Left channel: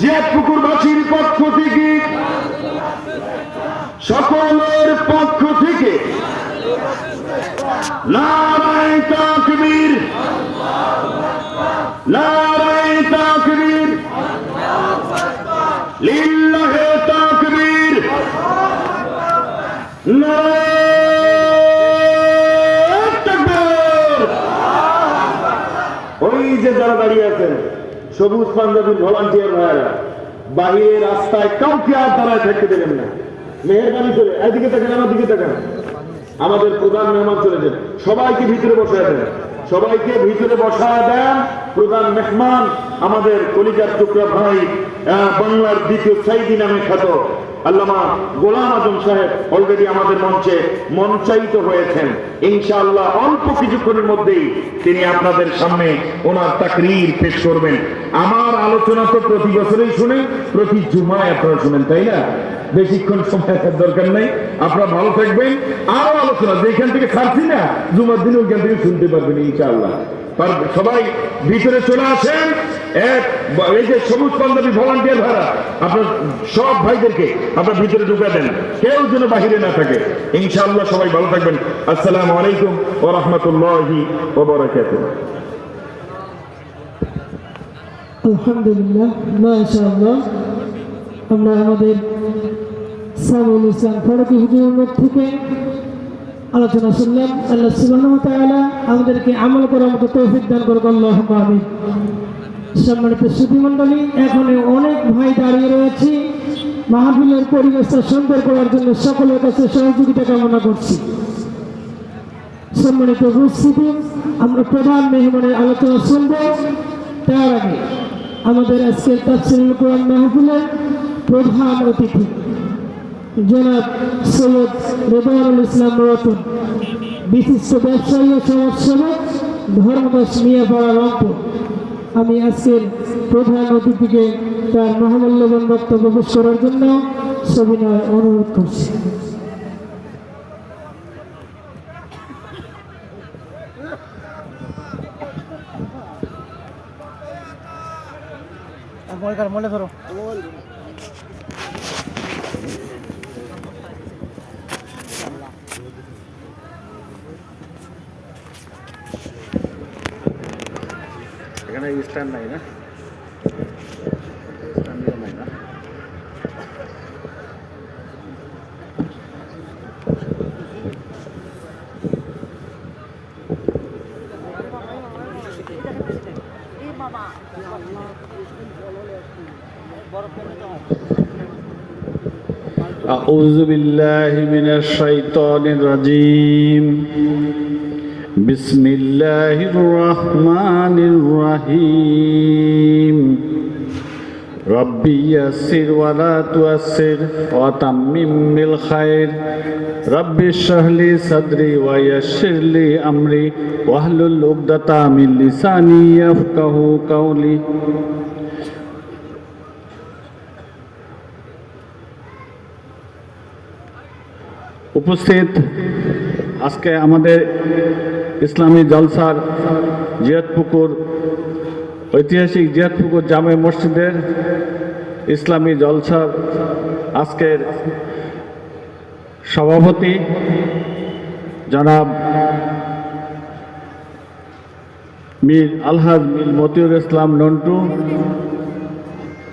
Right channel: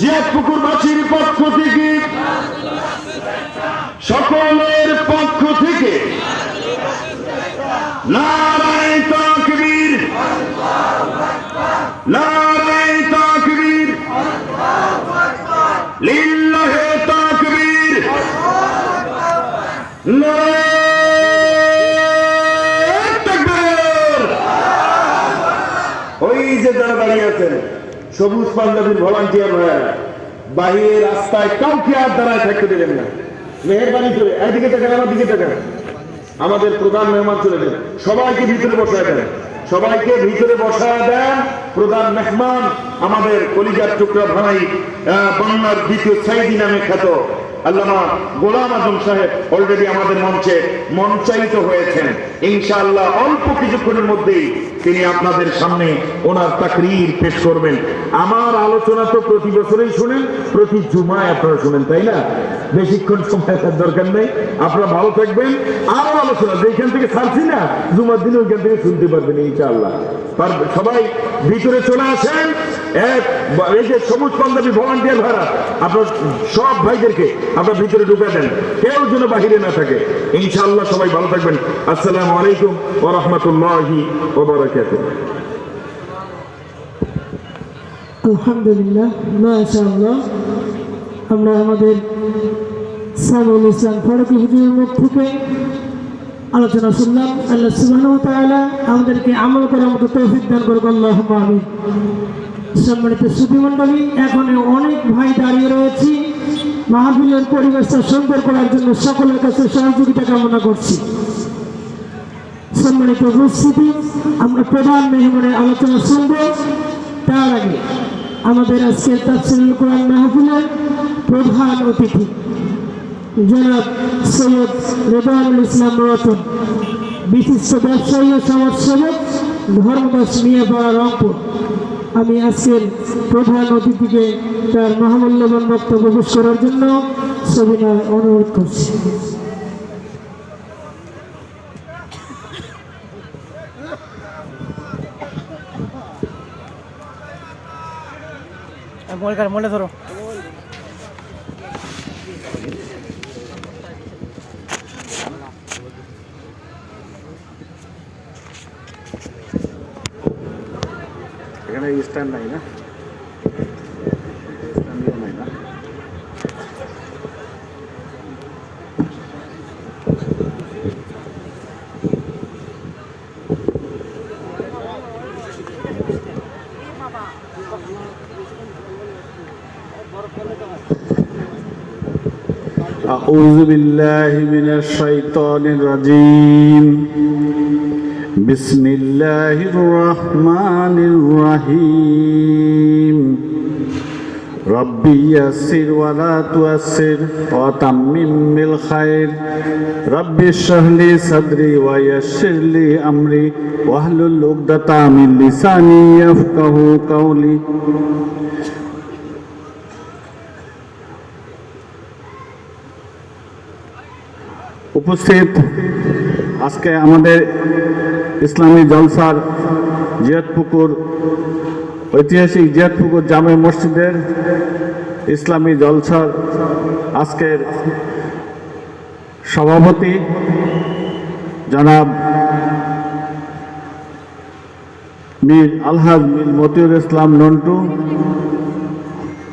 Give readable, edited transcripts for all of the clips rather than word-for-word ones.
জিয়াদপুকুরবাসীর পক্ষ থেকে, সকলের পক্ষ থেকে নারে তাকবীর, নারে তাকবীর, লিল্লাহে তাকবীর, নারে তাকবীর। ওই যে যারা দাঁড়িয়ে আছেন সবুজ পাঞ্জাবির ভলান্টিয়ার ভাইয়েরা, বাহিরে রাস্তায় কাউকে আর দাঁড়ায় থাকতে দেবেন না, মেহেরবানি করে এইদিকে তাকান, আমার দিকে তাকান। আমাদের প্রধান মেহমান চলে যান, সবাইকে ভিতরে বসায় দেন, সবাইকে ভিতরে বসায় দেন। প্রধান মেহমান আমাদের কলিজার টুকরা ভাই, বাংলার দ্বিতীয় সাইদি নামে খ্যাত আল্লামা গোলাম আজম সাহেব অলরেডি আমাদের মঞ্চে মঞ্চায়িত হয়েছেন। ইনশাআল্লাহ অল্প কিছুক্ষণের মধ্যেই তিনি আপনাদের সামনে ওনার তাকরীর পেশ করবেন। আমার আলোচনা তো প্রতি বছরই শুনেন, প্রতি জুমায় আপনারা শুনেন, তাই না? বেশিক্ষণ সময় দরকার নেই, আপনারা ভালো থাকবেন। আরো আলোচনা যেখান থেকে ছাড়ছি না, জুমার দিনে ওইখান থেকে শুনতে পারবেন ইনশাআল্লাহ। সবাই ভিতরে চলে আসেন। এই যে সবুজ পাঞ্জাবি ভলান্টিয়ার ভাইরা, আপনার সব ভাইদেরকে আপনার ভিতরে ঢুকে দেন, কেউ যেন বাহিরে না থাকে। ইনশাআল্লাহ সবাই ভালো থাকবেন। আসসালামু আলাইকুম ওয়া রাহমাতুল্লাহি ওয়া বারাকাতুহু। আলহামদুলিল্লাহ, মাশাআল্লাহ। আমরা আমাদের সাইফুল ইসলাম ফারুকী হুজুরের মুখ থেকে আলোচনা শুনলাম। আল্লাহ সুবহানাহু ওয়া তাআলা আমাদেরকে আমল করার মতো তৌফিক দান করুক, আল্লাহুম্মা আমিন। সম্মানিত সুধীমণ্ডলী, এখানে অনেক ভাই দাঁড়িয়ে রয়েছি। মাহফিলের পরিবেশটা সুন্দর করার জন্য সকলের কাছে সহযোগিতা কামনা করছি। সম্মানিত উপস্থিতি, আমরা প্রধান মেহমানের আলোচনা শুনব। তার আগে আমাদের আজকের তাফসীরুল কোরআন মাহফিলের প্রধান অতিথি জনাব সৈয়দ রেদওয়ানুল ইসলাম রতন, বিশিষ্ট ব্যবসায়ী ও সমাজসেবক, ধর্মদাস মিয়াপাড়া, রংপুর। আমি আজকের প্রধান অতিথিকে তার মহামূল্যবান বক্তব্য পেশ করার জন্য সবিনয় অনুরোধ করছি। মনে ধরো এখানে স্ট্যান্ড নাই না, নাই না। أعوذ بالله من الشيطان الرجيم بسم الله الرحمن الرحيم ربي يسر ولا تعسر وتمم بالخير ربي اشرح لي صدري ويسر لي أمري واحلل عقدة من لساني يفقهوا قولي উপস্থিত আজকে আমাদের ইসলামী জলসার জিয়াদপুকুর ঐতিহাসিক জিয়াদপুকুর জামে মসজিদের ইসলামী জলসার আজকের সভাপতি জনাব মীর আলহাজ মীর মতিউর ইসলাম নন্টু,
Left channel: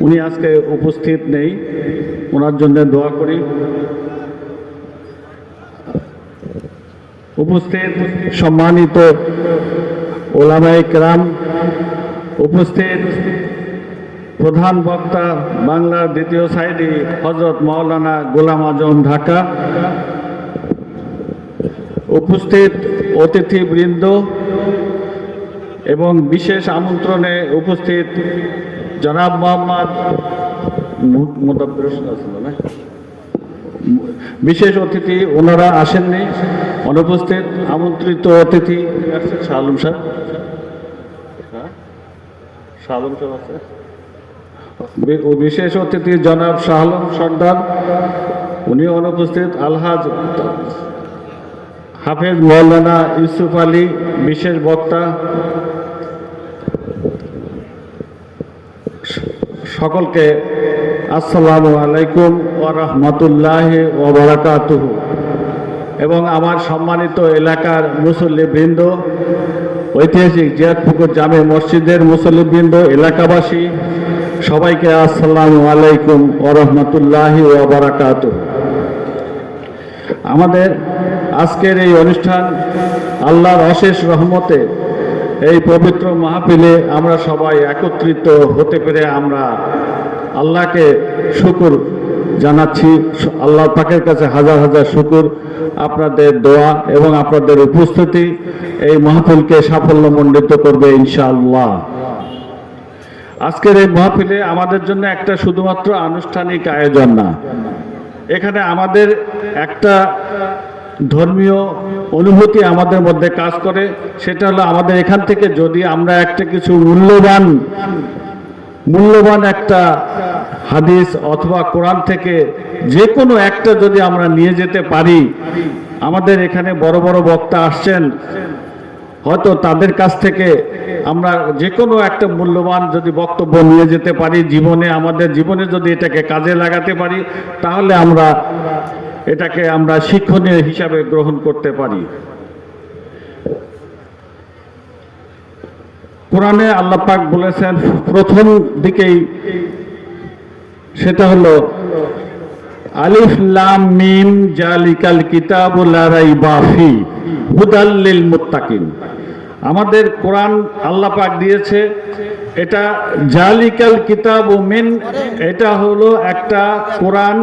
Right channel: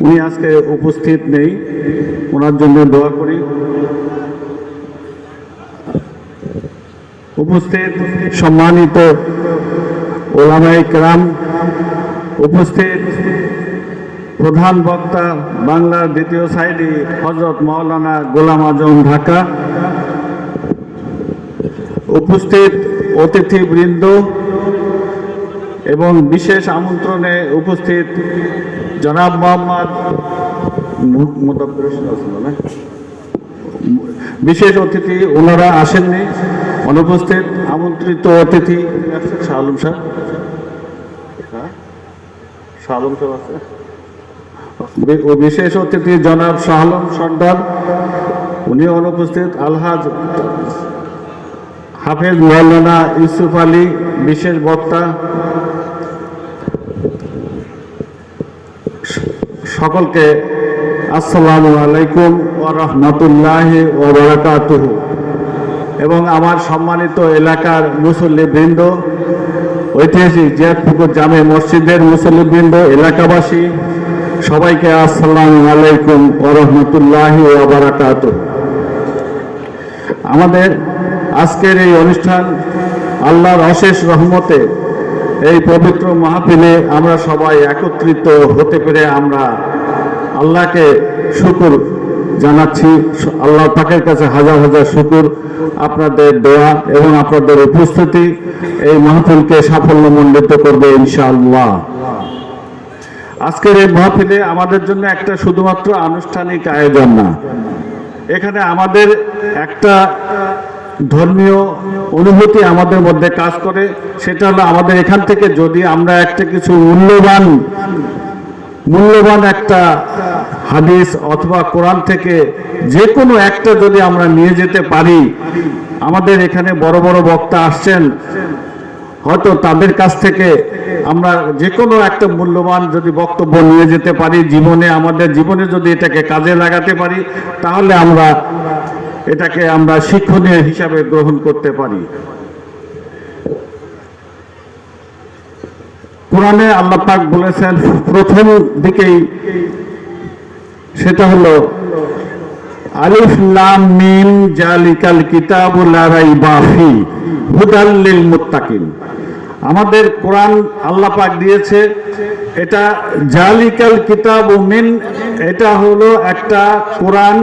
উনি আজকে উপস্থিত নেই, ওনার জন্য দোয়া করি। উপস্থিত সম্মানিত ওলামায়ে কেরাম, উপস্থিত প্রধান বক্তা বাংলার দ্বিতীয় সাইদি হযরত মাওলানা গোলাম আজম ঢাকা, উপস্থিত অতিথিবৃন্দ এবং বিশেষ আমন্ত্রণে উপস্থিত জনাব মোহাম্মদ বিশেষ অতিথি, ওনারা আসেননি, অনুপস্থিত আমন্ত্রিত অতিথি শাহলম সাহেব, শাহলম সাহেব আছে, ও বিশেষ অতিথি জনাব শাহলম সর্দার, উনি অনুপস্থিত। আলহাজ হাফেজ মাওলানা ইউসুফ আলী বিশেষ বক্তা, সকলকে আসসালামু আলাইকুম ওয়া রাহমাতুল্লাহি ওয়া বারাকাতুহু। এবং আমার সম্মানিত এলাকার মুসল্লিবৃন্দ, ঐতিহাসিক জিয়াদপুকুর জামে মসজিদের মুসল্লিবৃন্দ, এলাকাবাসী সবাইকে আসসালামু আলাইকুম ওয়া রাহমাতুল্লাহি ওয়া বারাকাতুহু। আমাদের আজকের এই অনুষ্ঠান আল্লাহর অশেষ রহমতে এই পবিত্র মাহফিলে আমরা সবাই একত্রিত হতে পেরে আমরা আল্লাহকে শুকর জানাচ্ছি। আল্লাহ পাকের কাছে হাজার হাজার শুকর। আপনাদের দোয়া এবং আপনাদের উপস্থিতি এই মাহফিলকে সাফল্যমণ্ডিত করবে ইনশাআল্লাহ। আজকের এই মাহফিলে আমাদের জন্য একটা শুধুমাত্র আনুষ্ঠানিক আয়োজন না, এখানে আমাদের একটা ধর্মীয় অনুভূতি আমাদের মধ্যে কাজ করে। সেটা হলো আমাদের এখান থেকে যদি আমরা একটা কিছু মূল্যবান একটা হাদিস অথবা কোরআন থেকে যে কোনো একটা যদি আমরা নিয়ে যেতে পারি, আমাদের এখানে বড় বড় বক্তা আসছেন, হয়তো তাদের কাছ থেকে আমরা যে কোনো একটা মূল্যবান যদি বক্তব্য নিয়ে যেতে পারি জীবনে, আমাদের জীবনে যদি এটাকে কাজে লাগাতে পারি, তাহলে এটাকে আমরা শিক্ষণীয় হিসাবে গ্রহণ করতে পারি। কোরআনে আল্লাহ পাক বলেছেন প্রথম দিকেই, সেটা হলো আলিফ লাম মিম জালিকাল কিতাবু লা রাইবা ফি হুদাল লিল মুত্তাকিন। আমাদের কোরআন আল্লাহ পাক দিয়েছে, এটা জালিকাল কিতাবু মিন, এটা হলো একটা কোরআন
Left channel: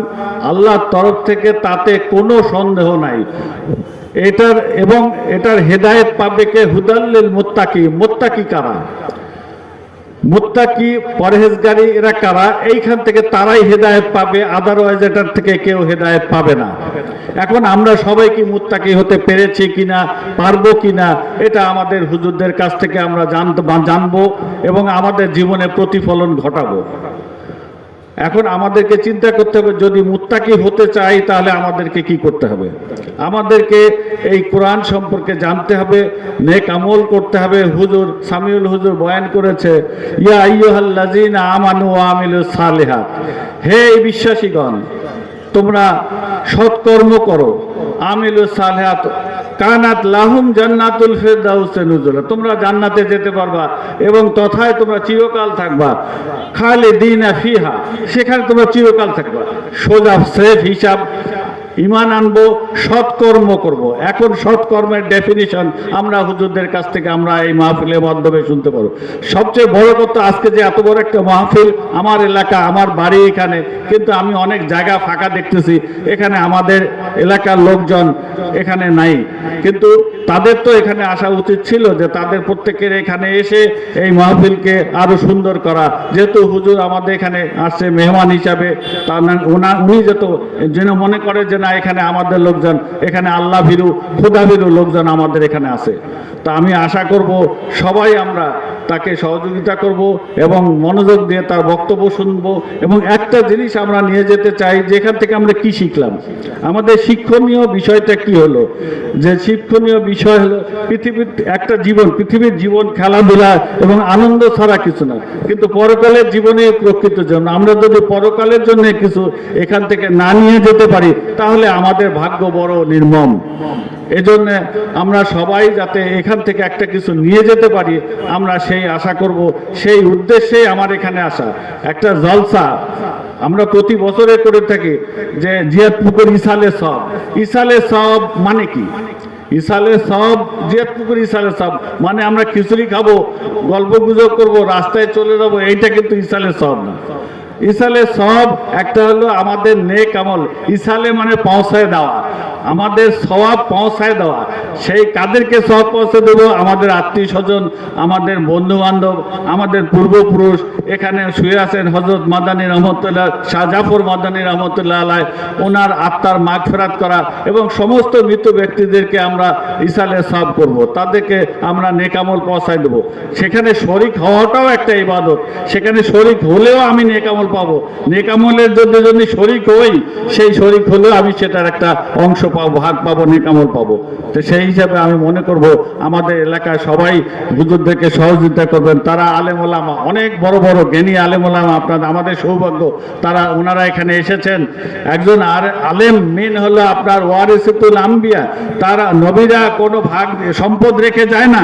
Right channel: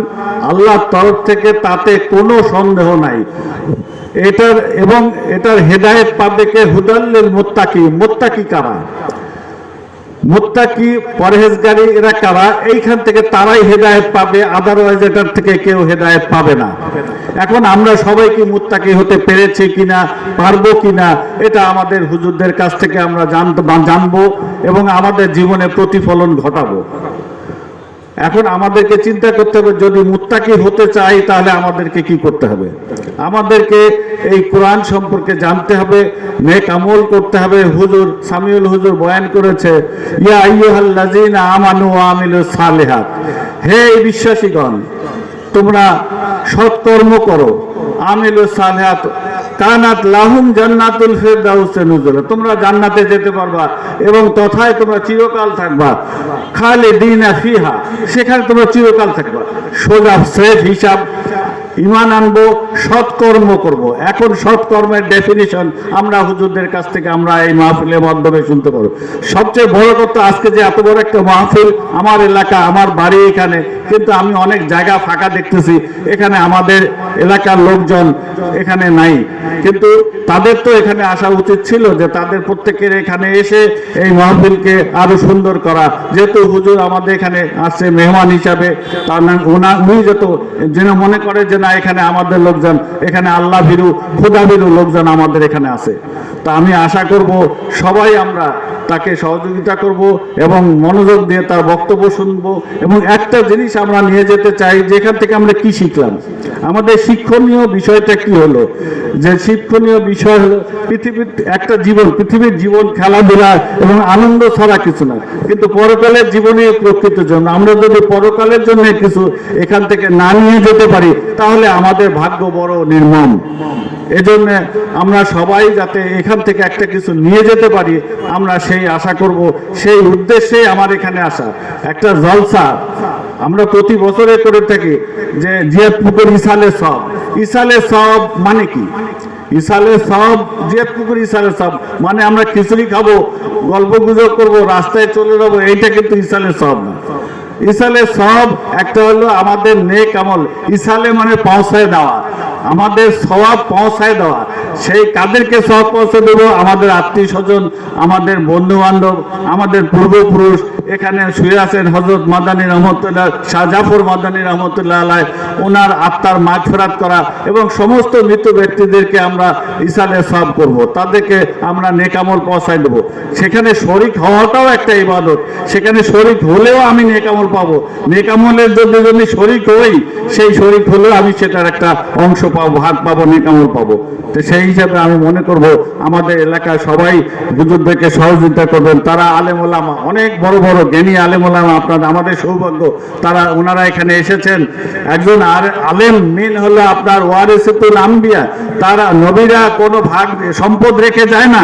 আল্লাহর তরফ থেকে, তাতে কোনো সন্দেহ নাই। এটার হেদায়েত পাবে কে? হুদাল লিল মুত্তাকি। মুত্তাকি কারা? মুত্তাকি পরহেজগারী এরা কারা? এইখান থেকে তারাই হেদায়েত পাবে, আদারওয়াইজ এটার থেকে কেউ হেদায়েত পাবে না। এখন আমরা সবাই কি মুত্তাকি হতে পেরেছি কিনা, পারবো কিনা, এটা আমাদের হুজুরদের কাছ থেকে আমরা জানবো এবং আমাদের জীবনে প্রতিফলন ঘটাবো। এখন আমাদেরকে চিন্তা করতে হবে, যদি মুত্তাকি হতে চাই তাহলে আমাদেরকে কি করতে হবে? আমাদেরকে এই কোরআন সম্পর্কে জানতে হবে, নেক আমল করতে হবে। হুজুর সামিউল হুজুর বয়ান করেছে, ইয়া আইয়ুহাল্লাযীনা আমানু ওয়া আমিলুস সালিহাত, হে বিশ্বাসীগণ তোমরা সৎকর্ম করো। আমিলুস সালিহাত কানাত লাহুম জান্নাতুল ফিরদাউসে নুজুলা, তোমরা জান্নাতে যেতে পারবা এবং তথায় তোমরা চিরকাল থাকবা। খালিদিনা ফিহা, সেখানে তোমরা চিরকাল থাকবা। সোজা স্রেফ হিসাব, ঈমান আনবো, সৎকর্ম করব। এখন সৎকর্মের ডেফিনিশন আমরা হুজুরদের কাছ থেকে আমরা এই মাহফিলের মাধ্যমে শুনতে পারবো। সবচেয়ে বড় কথা, আজকে যে এত বড় একটা মাহফিল, আমার এলাকা, আমার বাড়ি এখানে, কিন্তু আমি অনেক জায়গা ফাঁকা দেখতেছি, এখানে আমাদের এলাকার লোকজন এখানে নাই, কিন্তু তাদের তো এখানে আসা উচিত ছিল, যে তাদের প্রত্যেকের এখানে এসে এই মাহফিলকে আরো সুন্দর করা। যেহেতু হুজুর আমাদের এখানে আসছে মেহমান হিসাবে, তার উনি যেন মনে করে যে না, এখানে আমাদের লোকজন, এখানে আল্লাহ ভীরু খোদা ভীরু লোকজন আমাদের এখানে আছে। তা আমি আশা করব সবাই আমরা তাকে সহযোগিতা করব এবং মনোযোগ দিয়ে তার বক্তব্য শুনবো। এবং একটা জিনিস আমরা নিয়ে যেতে চাই, যেখান থেকে আমরা কি শিখলাম, আমাদের শিক্ষণীয় বিষয়টা কি হলো? যে শিক্ষণীয় বিষয় হলো পৃথিবীর জীবন খেলাধুলা এবং আনন্দ ছাড়া কিছু না, কিন্তু পরকালের জীবনে প্রকৃত জন্য আমরা যদি পরকালের জন্য কিছু এখান থেকে না নিয়ে যেতে পারি, তাহলে আমাদের ভাগ্য বড় নির্মম। এজন্য আমরা সবাই যাতে এখান থেকে একটা কিছু নিয়ে যেতে পারি, আমরা সেই আশা করব। সেই উদ্দেশ্যেই আমার এখানে আসা। একটা জলসা আমরা প্রতি বছরে করে থাকি, যে জিয়াদপুকুর ইসালে সব মানে কি? ইসালে সব, জিয়াদপুকুর ইসালে সব মানে আমরা খিচুড়ি খাবো, গল্প গুজব করবো, রাস্তায় চলে যাবো, এইটা কিন্তু ইসালে সব না। ইসালে সব একটা হলো আমাদের নেক আমল। ইসালে মানে পৌঁছায় দেওয়া, আমাদের সওয়াব পৌঁছায় দেওয়া। সেই কাদেরকে সওয়াব পৌঁছে দেব? আমাদের আত্মীয় স্বজন, আমাদের বন্ধু বান্ধব, আমাদের পূর্বপুরুষ। এখানে শুয়ে আছেন হযরত মাদানী রহমতুল্লাহ, শাহ জাফর মাদানী রহমতুল্লাহ আলাইহ, ওনার আত্মার মাগফিরাত করা এবং সমস্ত মৃত ব্যক্তিদেরকে আমরা ইসালে সওয়াব করব, তাদেরকে আমরা নেক আমল পৌঁছায় দেব। সেখানে শরীক হওয়াটাও একটা ইবাদত, সেখানে শরীক হলেও আমি নেক আমল পাবো। নেক আমলের যদি শরীক হই, সেই শরীক হলেও আমি সেটার একটা অংশ পাবো, ভাগ পাবো, নেকামল পাবো। তো সেই হিসাবে আমি মনে করব আমাদের এলাকায় সবাই হুজুরদেরকে সহযোগিতা করবেন। তারা আলেম ওলামা, অনেক বড় বড় জ্ঞানী আলেম ওলামা, আপনাদের আমাদের সৌভাগ্য ওনারা এখানে এসেছেন। একজন আলেম মেন হলো আপনার ওয়ারিসুল আম্বিয়া। তারা নবীরা কোনো ভাগ সম্পদ রেখে যায় না,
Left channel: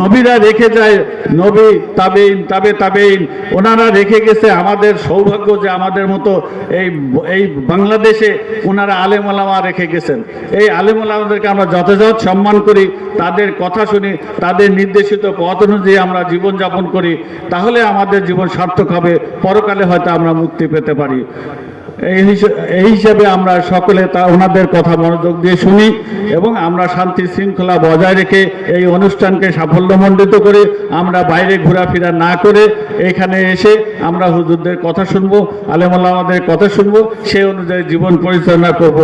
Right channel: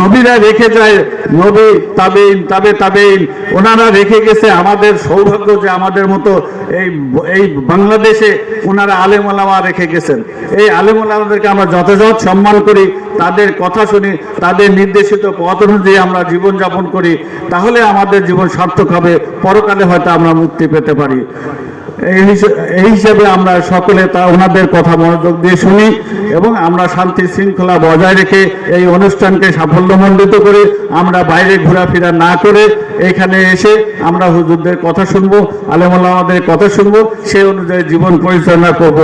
নবীরা রেখে যায়, নবী তাবেইন তাবে তাবেইন ওনারা রেখে গেছে। আমাদের সৌভাগ্য যে আমাদের মতো এই বাংলাদেশে ওনারা আলেম ওলামা রেখে গেছেন। এই আলেম ওলামাদেরকে আমরা যথাযথ সম্মান করি, তাদের কথা শুনি, তাদের নির্দেশিত পথ অনুযায়ী আমরা জীবনযাপন করি, তাহলে আমাদের জীবন সার্থক হবে, পরকালে হয়তো আমরা মুক্তি পেতে পারি। এই হিসাবে আমরা সকলে ওনাদের কথা মনোযোগ দিয়ে শুনি এবং আমরা শান্তি শৃঙ্খলা বজায় রেখে এই অনুষ্ঠানকে সাফল্যমণ্ডিত করে আমরা বাইরে ঘোরাফেরা না করে এখানে এসে আমরা হুজুরদের কথা শুনবো, আলেম ওলামাদের কথা শুনবো, সেই অনুযায়ী জীবন পরিচালনা করব।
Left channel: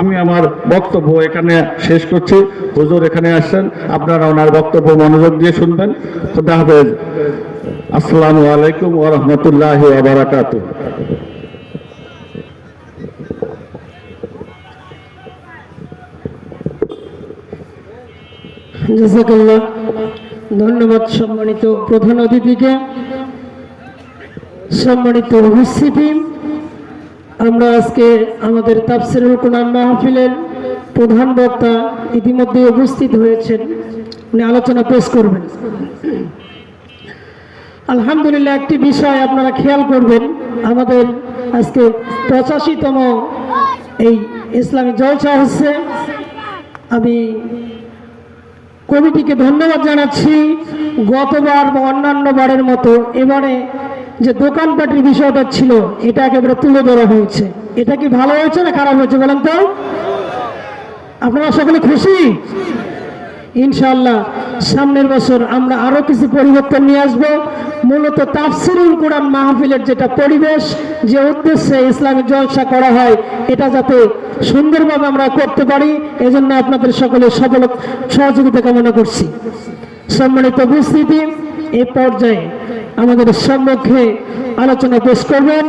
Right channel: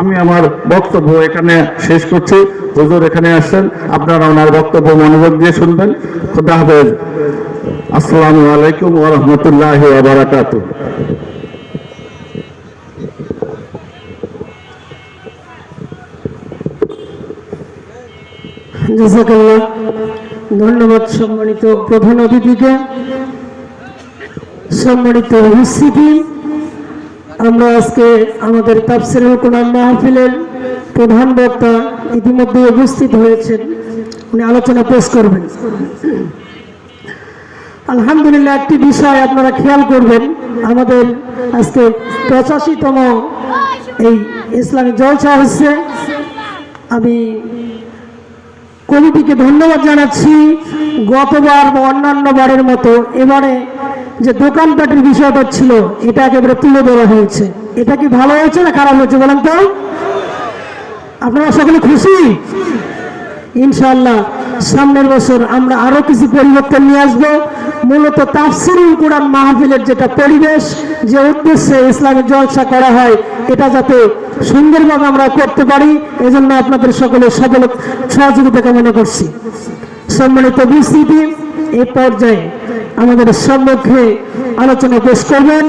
আমি আমার বক্তব্য এখানে শেষ করছি। হুজুর এখানে আসছেন, আপনারা ওনার বক্তব্য মনোযোগ দিয়ে শুনবেন। খুদা হাফেজ। আসসালামু আলাইকুম ওয়া রাহমাতুল্লাহি ওয়া বারাকাতুহু। জাযাকাল্লাহ। ধন্যবাদ সম্মানিত প্রধান অতিথিকে। সম্মানিত উপস্থিতি, আমরা আজকে আমাদের তাফসীরুল কোরআন মাহফিলের প্রধান বক্তা ইতিমধ্যে উপস্থিত হয়েছেন, উনি আলোচনা পেশ করবেন। আলহামদুলিল্লাহ, একটি বিষয় আপনারা খেয়াল করবেন, আমাদের আজকে 85তম এই ইসলামী জলসা হচ্ছে। আমি কমিটিকে ধন্যবাদ জানাচ্ছি। গতবার বা অন্যান্য বারের মতো এবারে যে দোকানপাটের বিষয়টা ছিল এটা একেবারে তুলে ধরা হয়েছে। এটা কি ভালো হয়েছে না খারাপ হয়েছে বলেন তো? আপনারা সকলে খুশি? ইনশাআল্লাহ সামনের বছর আমরা আরো কিছু পরিবর্তন নিয়ে আসবো। মূলত তাফসীরুল কোরআন মাহফিলের যেটা পরিবেশ, যে উদ্দেশ্যে ইসলামী জলসা করা হয়, এটা যাতে সুন্দরভাবে আমরা করতে পারি, এজন্য আপনাদের সকলের সহযোগিতা কামনা করছি। সম্মানিত উপস্থিতি, এই পর্যায়ে আমাদের সম্মুখে আলোচনা পেশ করবেন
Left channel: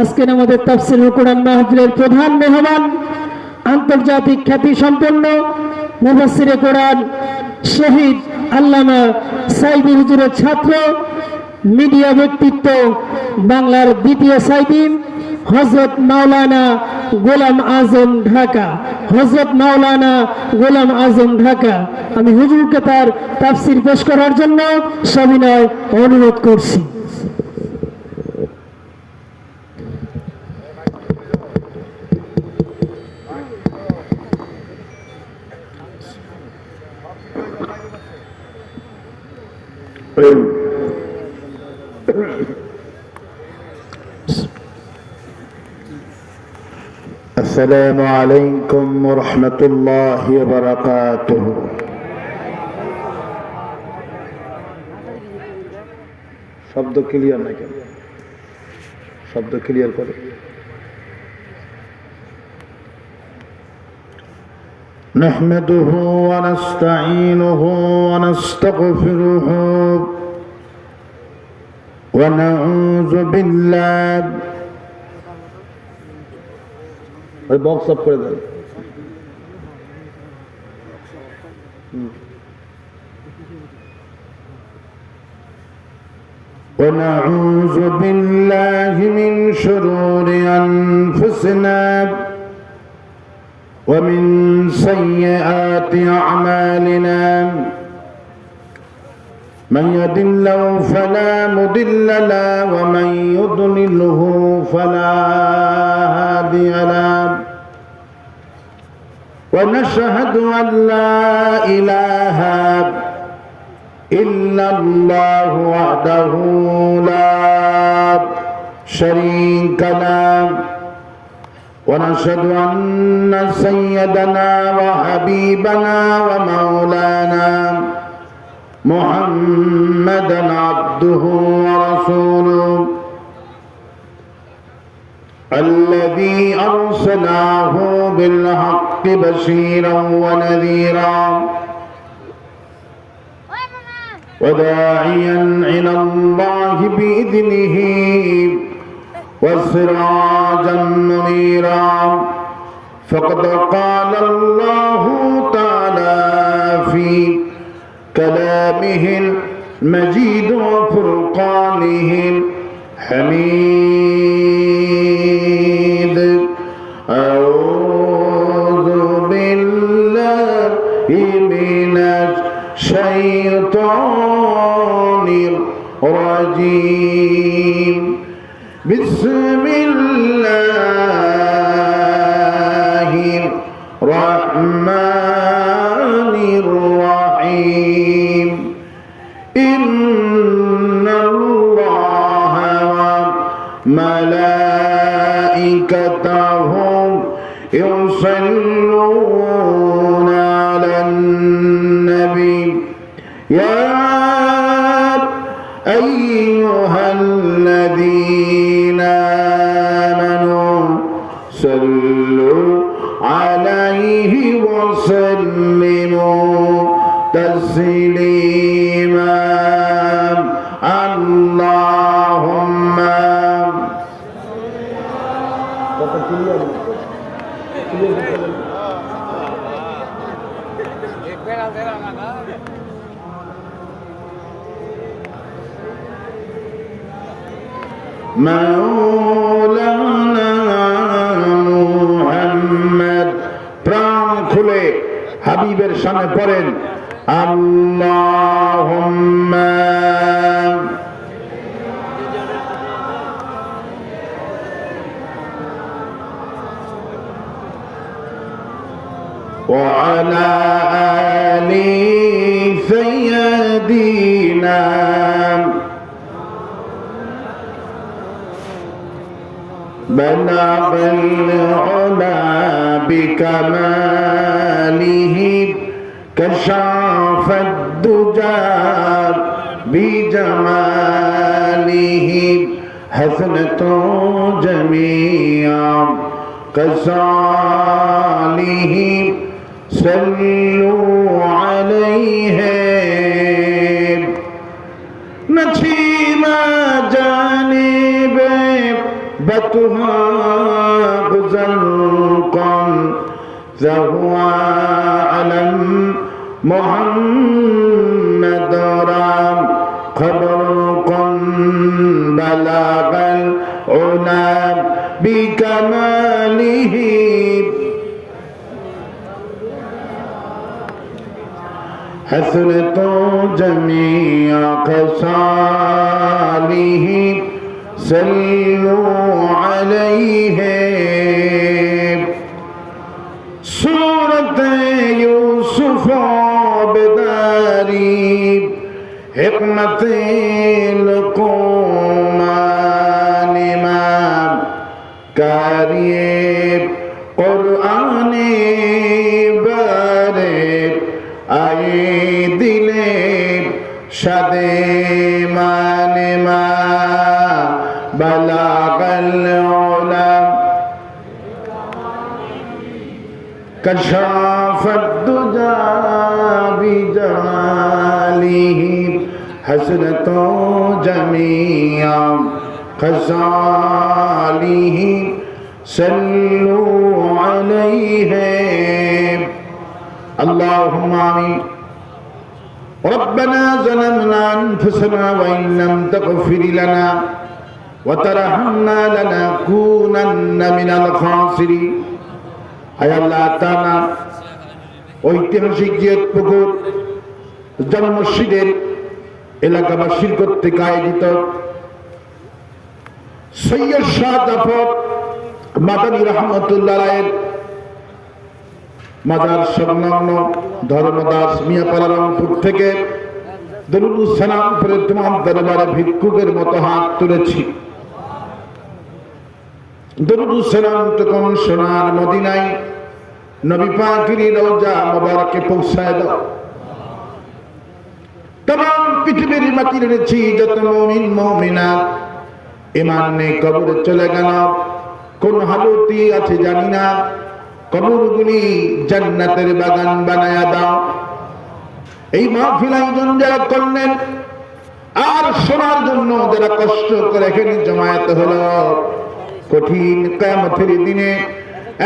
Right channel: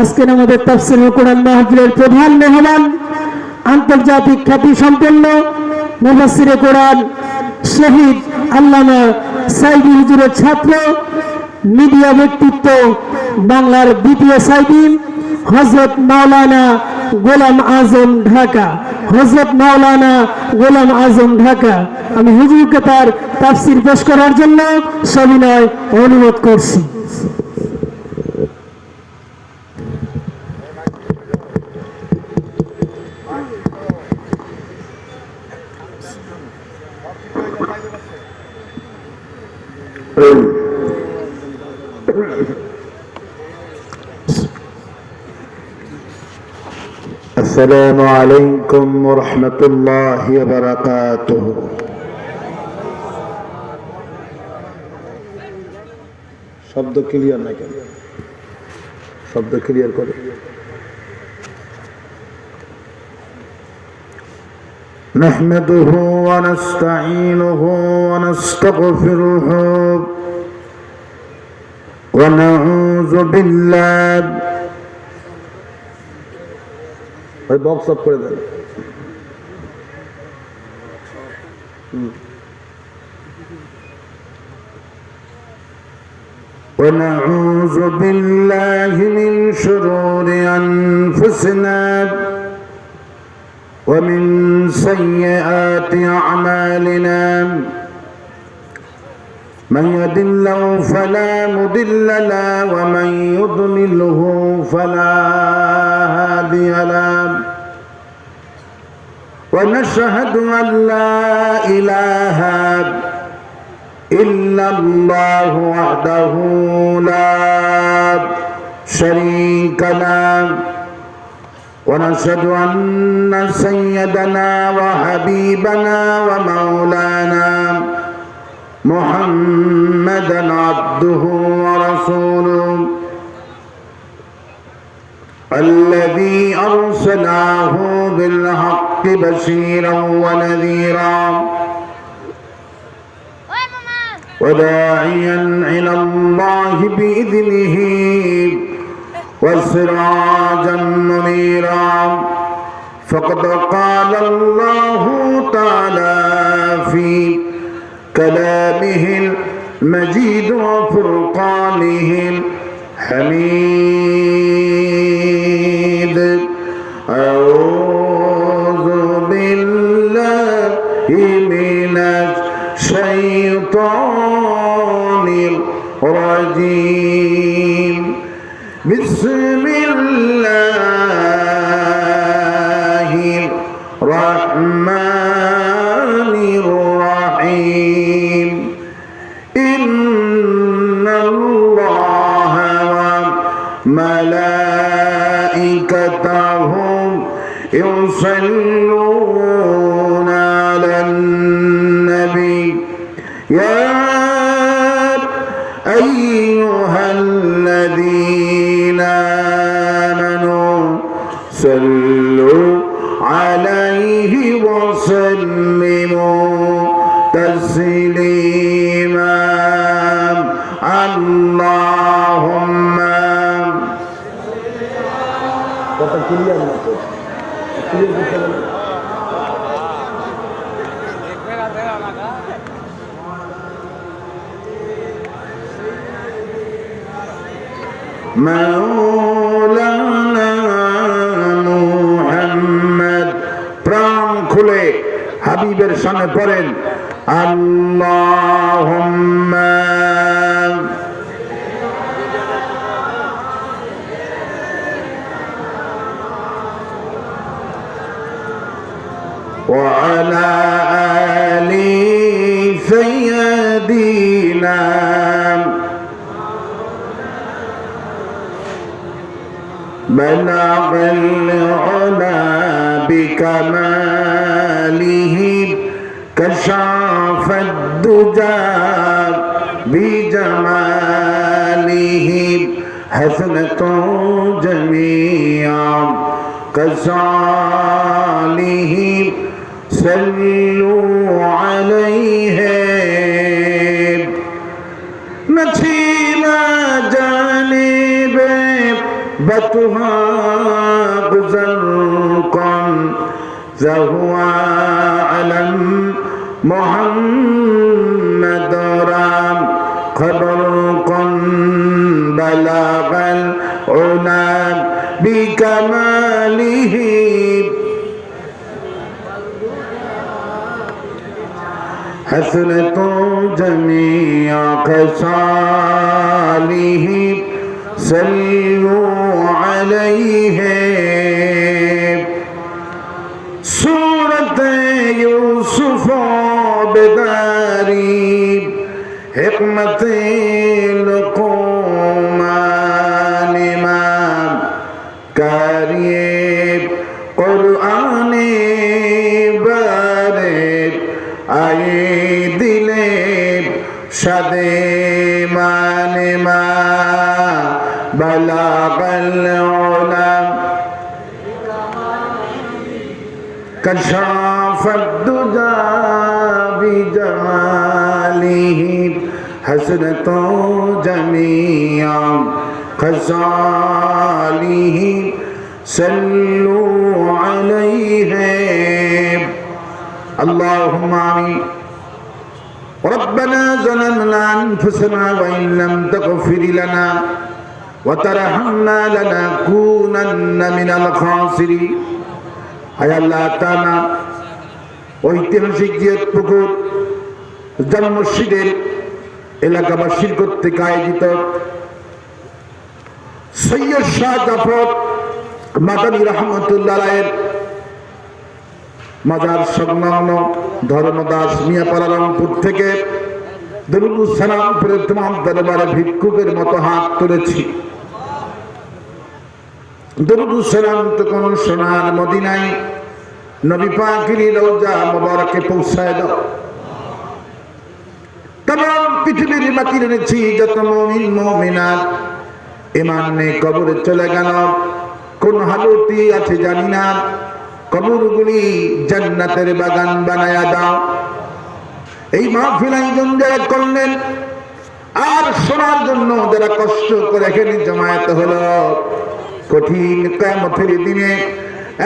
আজকের আমাদের তাফসীরুল কোরআন মাহফিলের প্রধান মেহমান, আন্তর্জাতিক খ্যাতি সম্পন্ন মুফাসসিরে কোরআন শহীদ আল্লামা সাইদি হুজুরের ছাত্র, মিডিয়া ব্যক্তিত্ব, বাংলার দ্বিতীয় সাইদি, হযরত মাওলানা গোলাম আজম ঢাকা। হযরত মাওলানা গোলাম আজম ঢাকা। আমি হুজুরকে তার তাফসীর পেশ করার জন্য সবিনয় অনুরোধ করছি। السلام عليكم ورحمة الله وبركاته. শব্দ ক্লিয়ার না কেন? শব্দ ক্লিয়ার করে। نحمده ونستعينه ونستغفره ونعوذ بالله ওই বক্স অফ করে দেন। ونعوذ بالله من شرور أنفسنا ومن سيئات أعمالنا من يهد الله فلا مضل له ومن يضلله فلا هادي له ونشهد أن لا إله إلا الله وحده لا شريك له ونشهد أن سيدنا وحبيبنا ومولانا محمدا عبده ورسوله الذي أرسله بالحق بشيرا ونذيرا وداعيا إلى الله بإذنه وسراجا منيرا فقد قال الله تعالى في كلامه المجيد وفرقانه الحميد أعوذ بالله من الشيطان الرجيم بسم الله الرحمن الرحيم إن الله وملائكته يصلون على النبي يا أيها الذين آمنوا صلوا عليه وسلموا تسليما اللهم مولانا মুহাম্মদ প্রাণ খুলে হাবিবের সামনে পড়েন আল্লাহুম্মা وعلى آل سيدنا بلغ العلا بكماله كشف الدجى بجماله حسنة جميعا كصالح صلوا عليه نسيما جانب بتها بزرقا فهو علم محمد رام خبرقا بلغ العلا بكماله حسنة جميع خصاله صلوا عليه سورة يوسف بداري حكمة لقمان إمام كريم قرآن بارد آي দিলে সাদে মানে মা বালাগাল উলা কশাফাদ দুজা বিজালিহি হাসনাতু জামিআ খাসালিহি সাল্লু আলাইহি اللهم آمين ربنا ظلمنا أنفسنا وإن لم تغفر لنا وترحمنا لنكونن من الخاسرين হায় আল্লাহ তাআলা ঐতিহাসিক জিয়াদপুকুর জামে মসজিদের এলাকাবাসীর কর্তৃক আয়োজিত সৈয়দ শাহ জাফর মাদানী রহমতুল্লাহ আলাইহির মাজার সংলগ্ন ধর্মদাস মিয়াপাড়া রংপুর থেকে দরুদ সালাম পড়ে তোমার দরবারে ভিক্ষুকের মতো হাত তুলেছি। দরুদ সালাম তখন সোনার মদিনায় নবী পাকের রওজা মুবারকে পৌঁছায় দাও। तमाम পৃথিবীর মাটির এনেছি যত মুমিন মুমিনাত ঈমান নিয়ে কবরে চলে গেল, কোন হালতি আছে জানি না, কবরগুলি জান্নাতের বাগান বানায়া দাও। এই মাহফিল আয়োজন যারা করলেন আর শোনার জন্য যারা কষ্ট করে এখানে জমায়েত হলো, কঠিন কিয়ামতের দিনে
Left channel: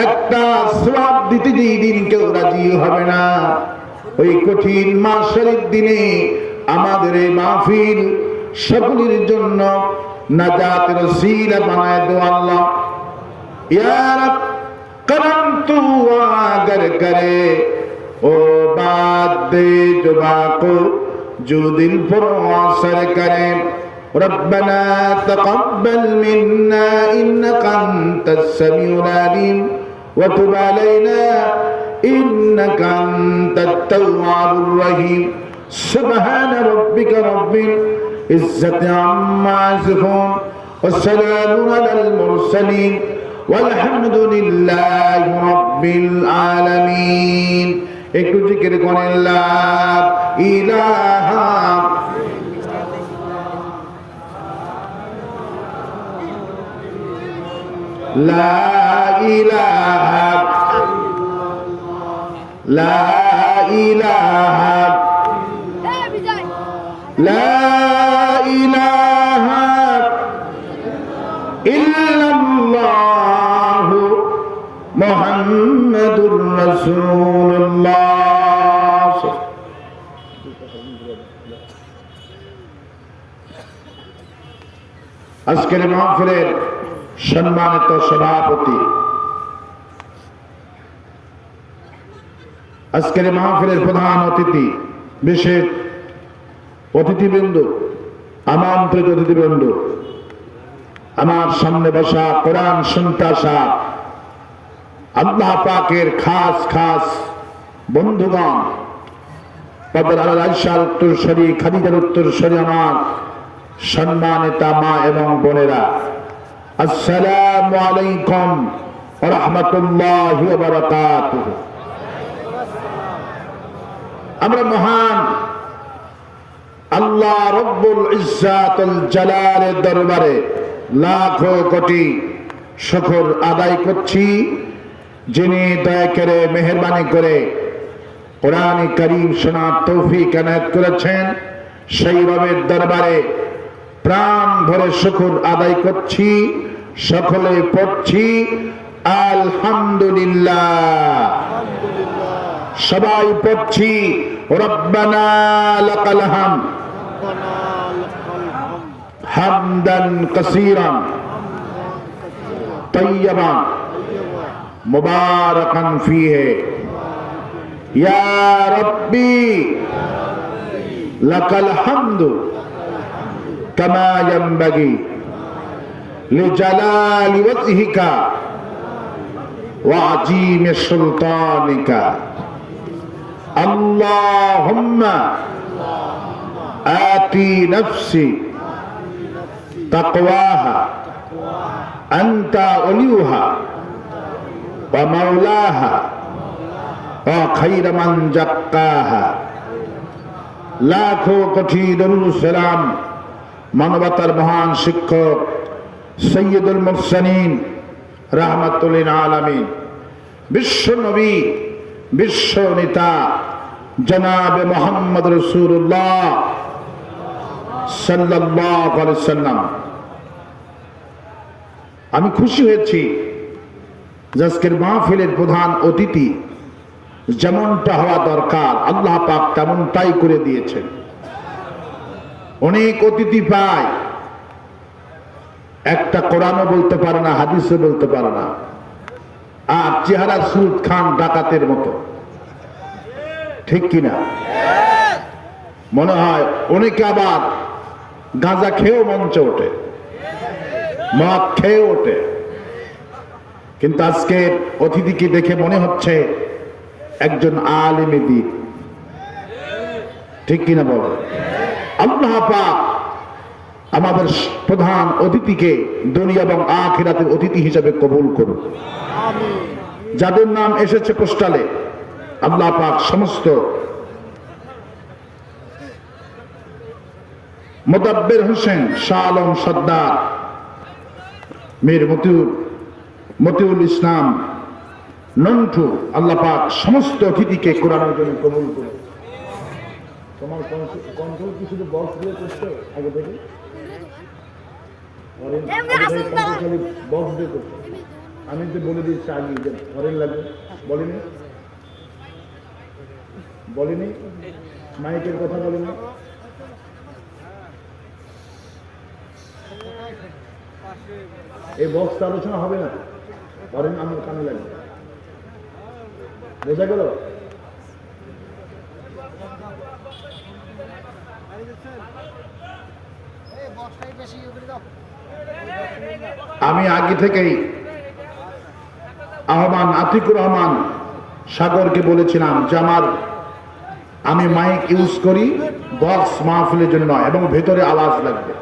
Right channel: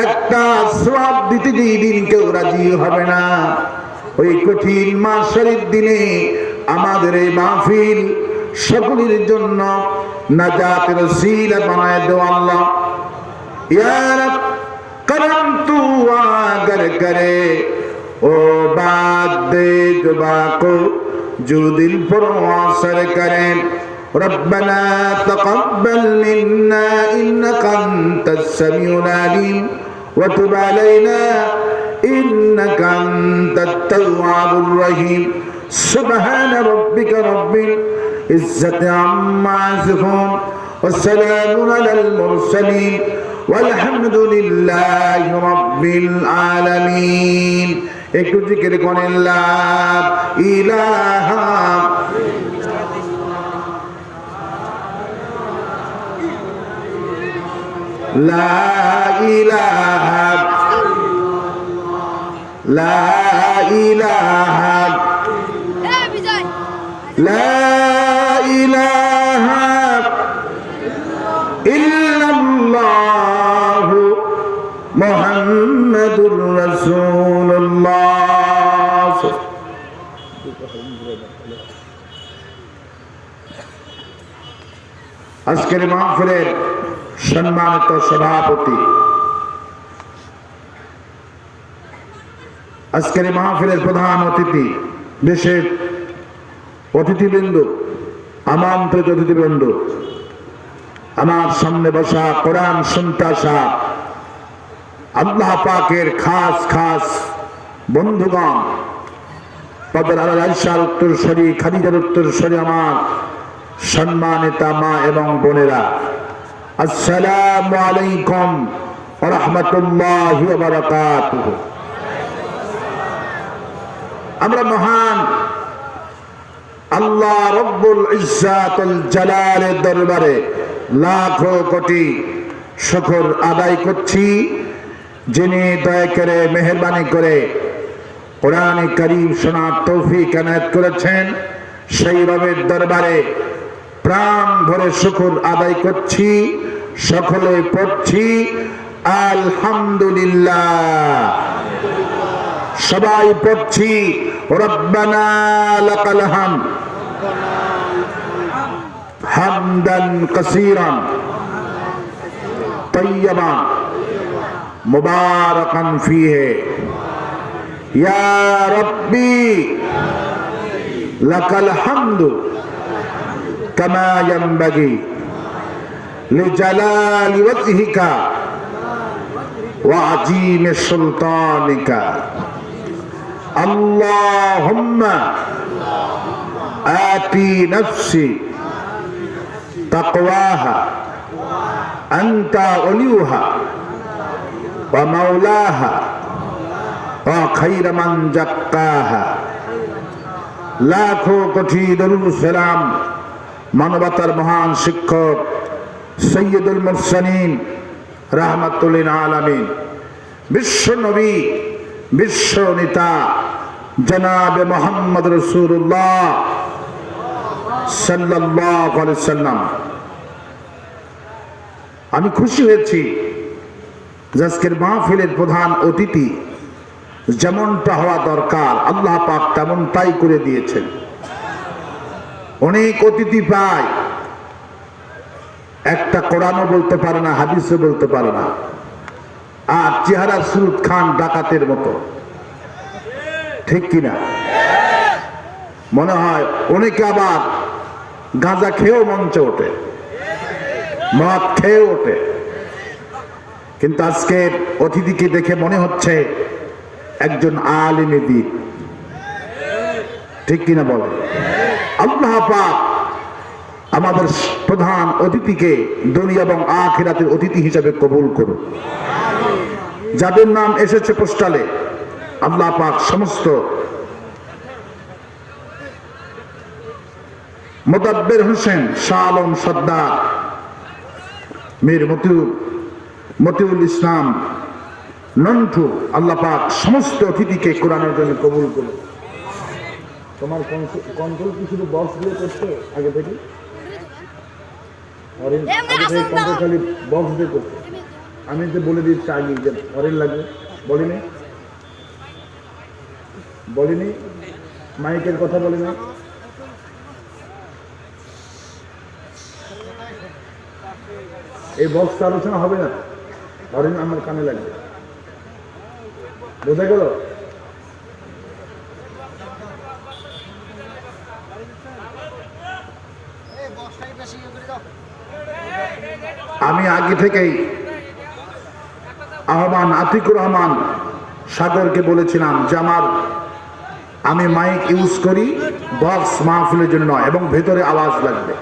একটা সওয়াব দিতে দিন কেউ রাজি হবে না। ওই কঠিন মাসের দিনে আমাদের এই মাহফিল সকলের জন্য নাজাতের ওসিলা বানায় দাও আল্লাহ। ইয়া রব करम तू अगर करे ओ बात दे जुबा को जो दिल पर असर करे। रब्बना तक़ब्बल मिन्ना इन्नका अंतस समीउल अलीम व तुब अलैना इन्नका अंतत तव्वाबुर रहीम। सुब्हान रब्बिका रब्बिल इज्जति अम्मा यसिफून व सलामुन अलल मुरसलीन वल्हम्दुलिल्लाहि रब्बिल आलामीन। একটু জিকির করেন লা ইলাহা লা ইলাহা লা ইলাহা লা ইলাহা ইল্লাল্লাহু মুহাম্মাদুর রাসূলুল্লাহ। আজকের মাহফিলের সম্মানিত সভাপতি, আজকের মাহফিলের প্রধান অতিথি, বিশেষ অতিথিবৃন্দ, আমন্ত্রিত অতিথিবৃন্দ, আমার সামনে বসা কোরআন শুনতে আসা আল্লাহ পাকের খাস খাস বন্ধুগণ, তাদের আয়েশার উত্তরসূরি, খাদিজার উত্তরসূরি, আমার সম্মানিতা মা এবং বোনেরা, আসসালামু আলাইকুম ওয়া রাহমাতুল্লাহি ওয়া বারাকাতুহু। আমরা মহান আল্লাহ রব্বুল ইজ্জাতুল জালালের দরবারে লাখো কোটি শুকর আদায় করছি, যিনি দয়া করে মেহেরবানি করে কোরআন কারীম শোনার তৌফিক এনায়েত করেছেন। সেই রবের দরবারে প্রাণ ভরে শুকর আদায় করছি, সকলে পড়ছি আলহামদুলিল্লাহ। সবাই পড়ছি রব্বানা লাকাল হামদ হামদান কাসীরান তাইয়্যিবান মুবারাকান ফীহি ইয়া রাব্বি লাকাল হামদু কামা ইয়ানবাগি লিজালালি ওয়াজহিকা ওয়া আযীমি সুলতানিকা। আল্লাহুম্মা আতি নাফসি তাকওয়াহা আনতা ওলিউহা ওয়া মাওলাহা ওয়া খায়রা মান যাক্কাহা। লাখো কোটি দরুদ সালাম মানবতার মহান শিক্ষক সৈয়দুল মুরসালিন রাহমাতুল লিল আলামিন, বিশ্ব নবী, বিশ্ব নেতা জনাবে মুহাম্মদ রাসূলুল্লাহ সাল্লাল্লাহু আলাইহি ওয়াসাল্লাম। আমি খুশি হয়েছি যে আজকের মাহফিলের প্রধান অতিথি যেমনটা হওয়া দরকার আল্লাহ পাক তেমনটাই করে দিয়েছেন। অনেক অতিথি পায়, একটা কোরআনও বলতে পারে না, হাদিসও বলতে পারে না, আর চেহারা সুদ খান ডাকাতের মতো, ঠিক কিনা? মনে হয় অনেকে আবার গাঁজা খেয়েও মঞ্চে ওঠে, মদ খেয়ে ওঠে, কিন্তু আজকে অতিথিকে দেখে মনে হচ্ছে একজন আলেমে দ্বীন, ঠিক কিনা বলে? আল্লাহ পাক আমাদের প্রধান অতিথিকে দুনিয়া এবং আখিরাতের অতিথি হিসেবে কবুল করুন। যাদের নাম এসেছে পোস্টালে আল্লাহ পাক সমস্ত মোদাব্বের হোসেন, শাহ আলম সর্দার, মীর মতিউল ইসলাম নন্টু, আল্লাহ পাক সমস্ত অতিথিকে কোরআনের জন্য কবুল করুন। তোমার কন্ট্রোল কি শুধু বক্স দিয়ে করছো আগে থেকে? বক্স দিয়ে করছো, আমি তো বলে দিচ্ছি আগে যে হরেন লাগবে, বলিনি বলিনি, মাইকের কথা বলিনি। এই বক্স আলোচনা হবে না, হরেন আমার কানে লাগবে, বোঝা গেল? আমি আগে থেকেই আহ্বান আতিকুর রহমান সাগরকে বলেছিলাম যে আমি মাইক ইউজ করি বক্স মাহফিলের জন্য নয়, এবং ভেতরে আওয়াজ লাগবে।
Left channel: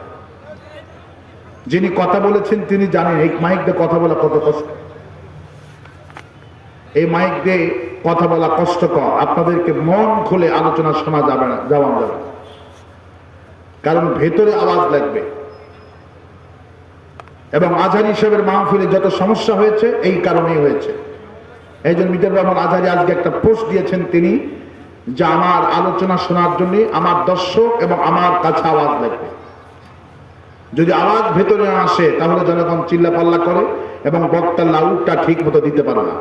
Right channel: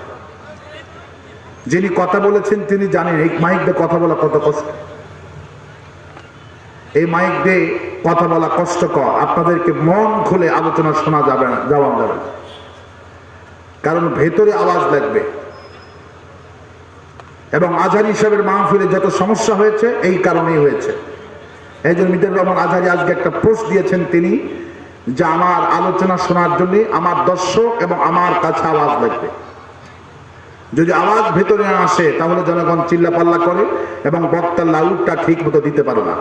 যিনি কথা বলেছেন তিনি জানেন এই মাইক দিয়ে কথা বলা কত কষ্ট। এই মাইক দিয়ে কথা বলা কষ্টকর, আপনাদেরকে মন খুলে আলোচনা শোনা যাবে না, যাওয়া যাবে না, কারণ ভেতরে আওয়াজ লাগবে। এবং আজহারি সাহেবের মাহফিলে যত সমস্যা হয়েছে এই কারণেই হয়েছে। এই জন্য মিজানুর রহমান আজহারি আজকে একটা পোস্ট দিয়েছেন তিনি, যে আমার আলোচনা শোনার জন্য আমার দর্শক এবং আমার কাছে আওয়াজ লাগবে। যদি আওয়াজ ভেতরে না আসে তাহলে জনগণ চিল্লাপাল্লা করে এবং বক্তার লাউডটা ঠিক মতো দিতে পারে না।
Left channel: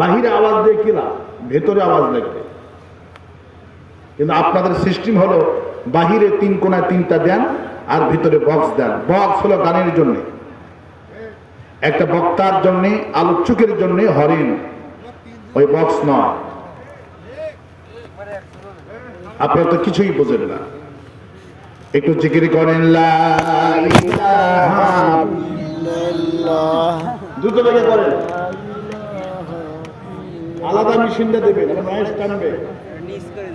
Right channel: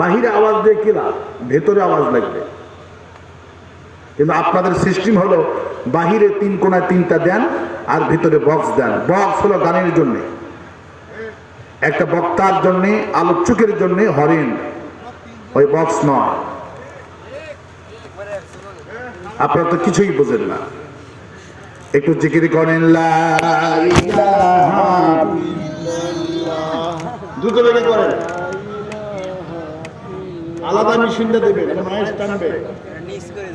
বাহিরে আওয়াজ দিয়ে কি লাভ, ভেতরে আওয়াজ লাগবে। কিন্তু আপনাদের সিস্টেম হলো বাহিরে 3 কোণায় 3টা দেন আর ভিতরে বক্স দেন। বক্স হলো গানের জন্য, একটা বক্তার জন্য, আলোচকের জন্য হরেন, ওই বক্স নয়। আপনারা তো কিছুই বোঝেন না। একটু জিকির করেন লা ইলাহা ইল্লাল্লাহ, দ্রুত বেগে করেন। আলাদা মেশিনটা দেবেন, এটা নয়েজ টানবে।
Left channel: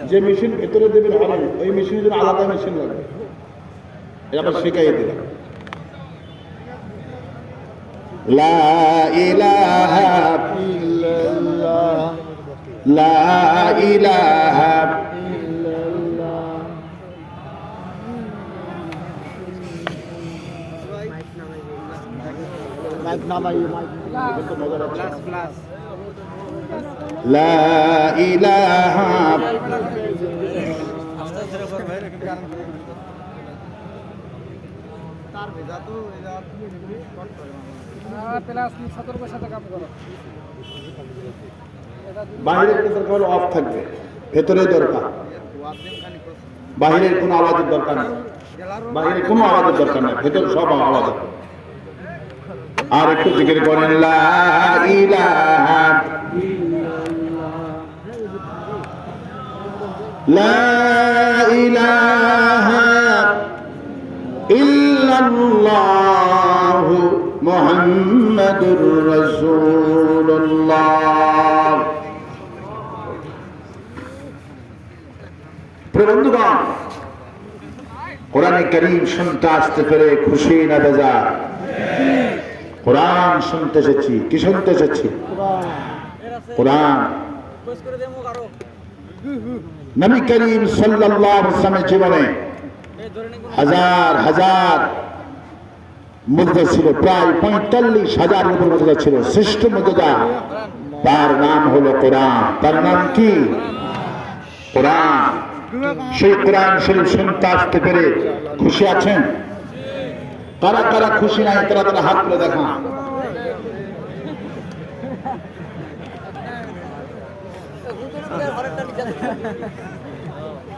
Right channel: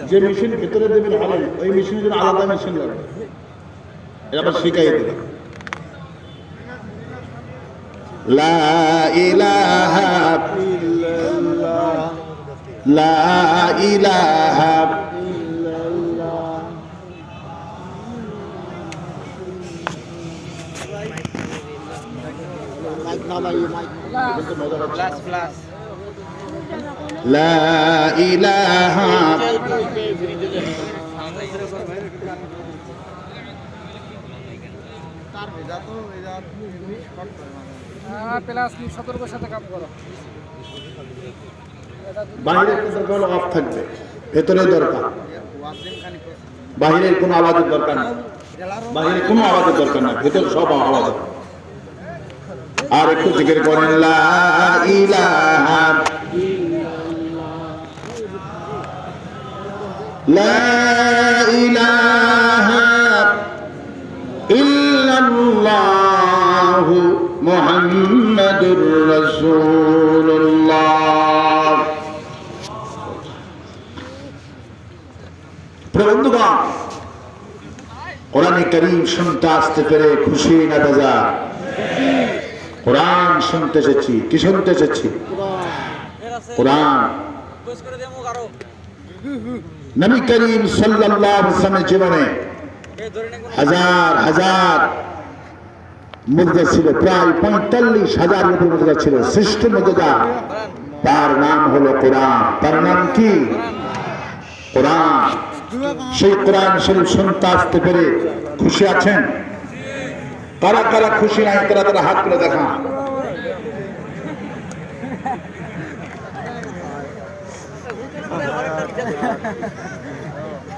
যে মেশিন ভেতরে দেবেন হরেন, ওই মেশিনের জন্য আলাদা মেশিন লাগবে। এটা আবার শেখাই দেবেন। লা ইলাহা ইল্লাল্লাহ, লা ইলাহা লা ইলাহা সতর্কের সাথে কাম করো। বাইরের কোনো অফ থাকবে, ভেতরে দরকার। বাইরের কোনো আওয়াজের দরকার নেই, বাইরে কোনো আওয়াজের দরকার না, ভেতর সব আওয়াজ। আর একটু জিকির করেন লা ইলাহা লা ইলাহা ইল্লাল্লাহ মুহাম্মাদুর রাসূলুল্লাহ। বন্ধুগণ, কোরআনে কারীম শুনতে আসতে পেরে খুশি না বেজার? কোরআন শুনতে এসেছি। কি শুনতে এসেছি? কোরআন। নবী করিম সাল্লাল্লাহু আলাইহি ওয়াসাল্লামের জীবনে হাজার হাজার মুজদা ছিল, প্রায় 45,000 মুজদা ছিল। শ্রেষ্ঠ মুজদা তার নাম হলো কোরআন। তার নাম কি? কোরআন। সেই কোরআন শরীফ শুনতে আসতে পেরে খুশি আছেন? কারা কারা খুশি নাই তারা তারা হাত তুলে দেখা।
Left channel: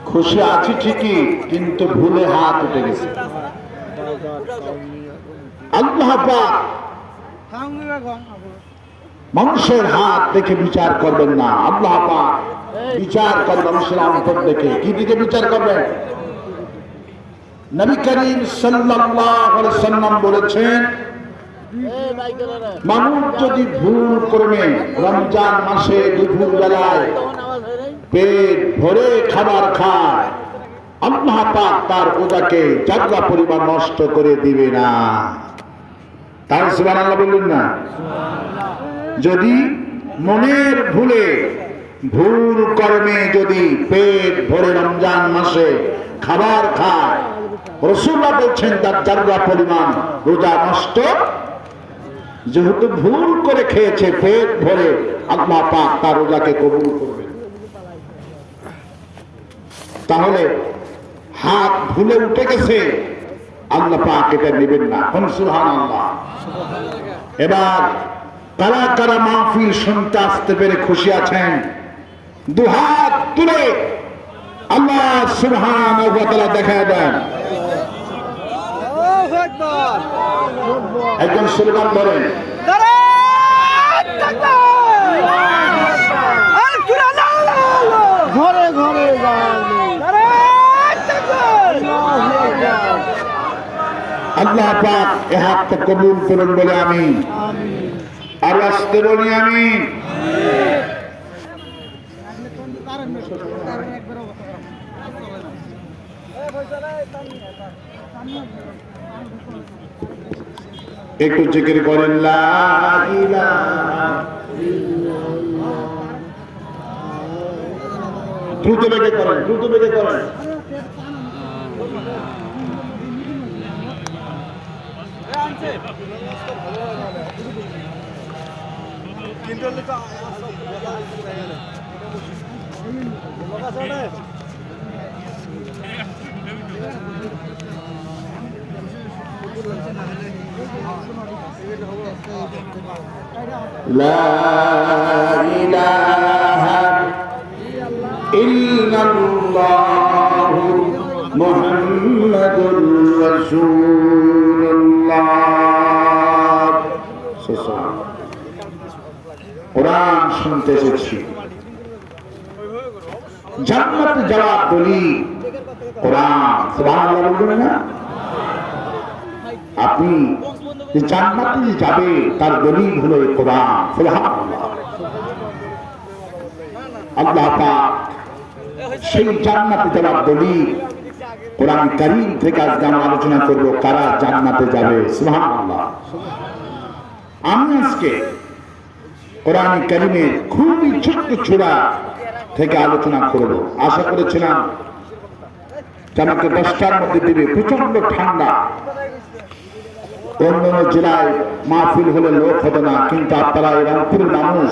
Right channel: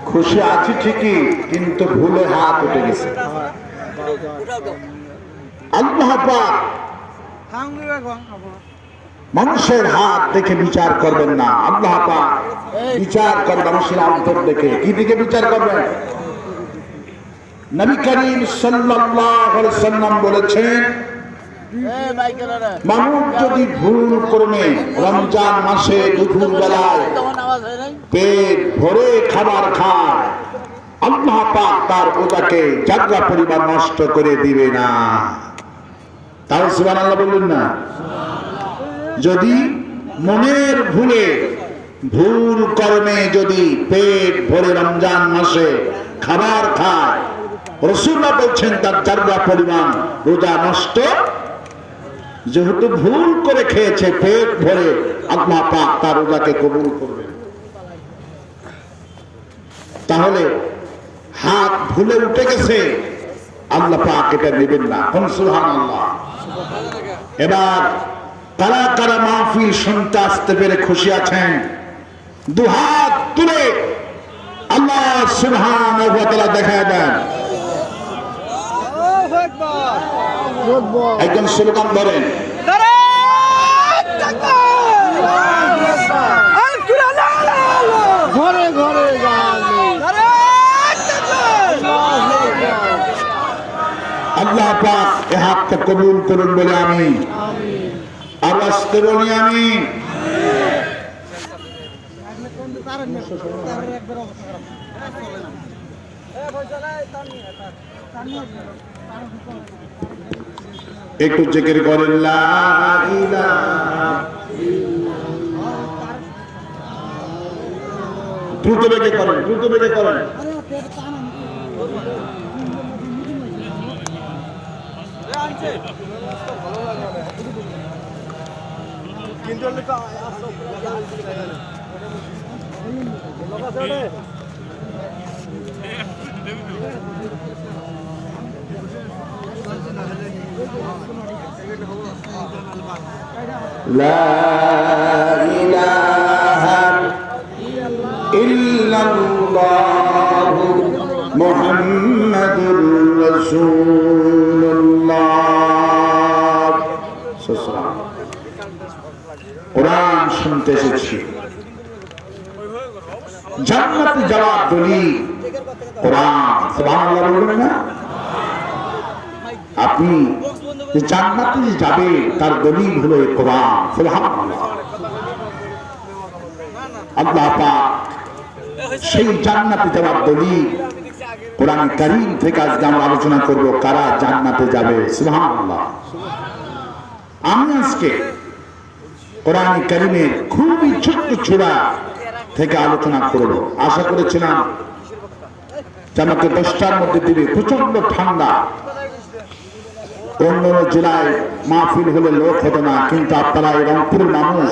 খুশি আছি ঠিকই, কিন্তু ভুলে হাত উঠে গেছে। আল্লাহ পাক মানুষের হাত দেখে বিচার করবেন না। আল্লাহ পাক বিচার করে মানুষের অন্তর দেখে। কি দিকে বিচার করবেন? নবী করিম সাল্লাল্লাহু আলাইহি ওয়াসাল্লাম বলেছেন, মানুষ যদি ভুল করে রমজান মাসে দুপুর বেলায় পেট ভরে খাবার খায়, আল্লাহ পাক তার রোজাকে জাগরা পরিমাণ নষ্ট করে দিবে না। তার সুবহানাল্লাহ বললেন না? যদি মনের ভুলে, ভুল কর্মে যদি পেট ভরে রমজান মাসে খাবার খায়, রাসূলুল্লাহ বলছেন তার জাগরা পরিমাণ রোজা নষ্ট। যেহেতু ভুল করে খেয়েছে পেট ভরে, আল্লাহ পাক তার রোজাকে কবুল করবেন। তাহলে হাত ভুলে উঠে গেছে, আল্লাহ পাক এটা নেবেন না। সুবহানাল্লাহ। এবার কারা কারা মাহফিল শুনতে আসতে পেরে খুশি আছেন দুহাত তুলে আল্লাহ সুবহানাহু ওয়া তাআলা দেখা দেন। একজন স্লোগান ধরেন, ঘরে ঘরে আল্লাহ পাক এ হাতটা কবুল করুন বলে আমি আর আসতে বলি আমি। একটু জিকির করেন লা ইলাহা দ্রুত বেগে করেন, দ্রুত বেগে করেন। লা ইলাহা ইল্লাল্লাহু মুহাম্মাদুর রাসূলুল্লাহ। কোরআন শুনতে এসেছি, জান্নাতে যাওয়ার দলিল কোরআন। সুবহানাল্লাহ বলবেন না? আপনি যে জান্নাতে যাবে তার দলিল হলো কোরআন। সুবহানাল্লাহ। আল্লাহ পাক সেই জান্নাতে যাওয়ার দলিল কোরআন কারীম থেকে আজকে আমরা আলোচনা করব কারা জান্নাতে যাবে। সুবহানাল্লাহ। আমি আজকে কোরআন কারীমের খুবই ছোট্ট ছোড়া থেকে আলোচনা করব। আশা করেছিলাম যে আমাকে 10টার মধ্যে দিবে, প্রচন্ড ঠান্ডা, অন্য জেলায় মাহফিল হলে লোক হতো না, কিন্তু আপনারা রংপুরের মানুষ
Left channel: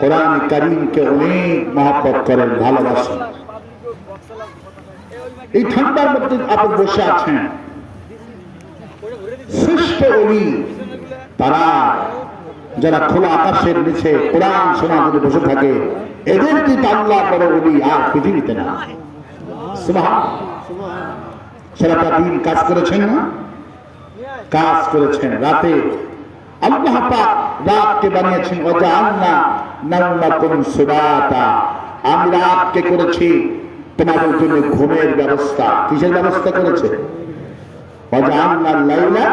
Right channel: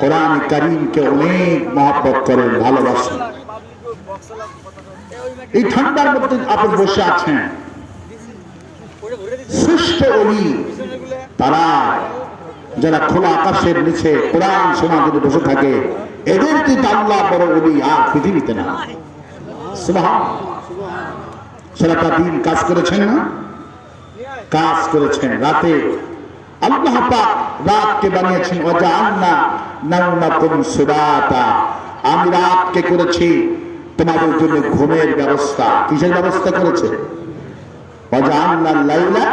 কোরআন কারীমকে অনেক মহব্বত করেন, ভালোবাসেন। এই ঠান্ডার মধ্যে আপনি বসে আছেন, শ্রেষ্ঠ ওলি তারা যারা খোলা আকাশের নিচে কোরআন শোনা যদি বসে থাকে, এদের দিকে আল্লাহ বড় ওলি আর পৃথিবীতে না। সুবহানাল্লাহ। সারাটা দিন কাজ করেছেন না? কাজ করেছেন। রাতে আল্লাহ পাক রাতকে বানিয়েছেন ওয়াজআলনা নাওমাকুম সুবাতা। আমি রাতকে করেছি তোমাদের জন্য ঘুমের ব্যবস্থা। কিসের ব্যবস্থা করেছে? ওয়াজআলনা লাইলা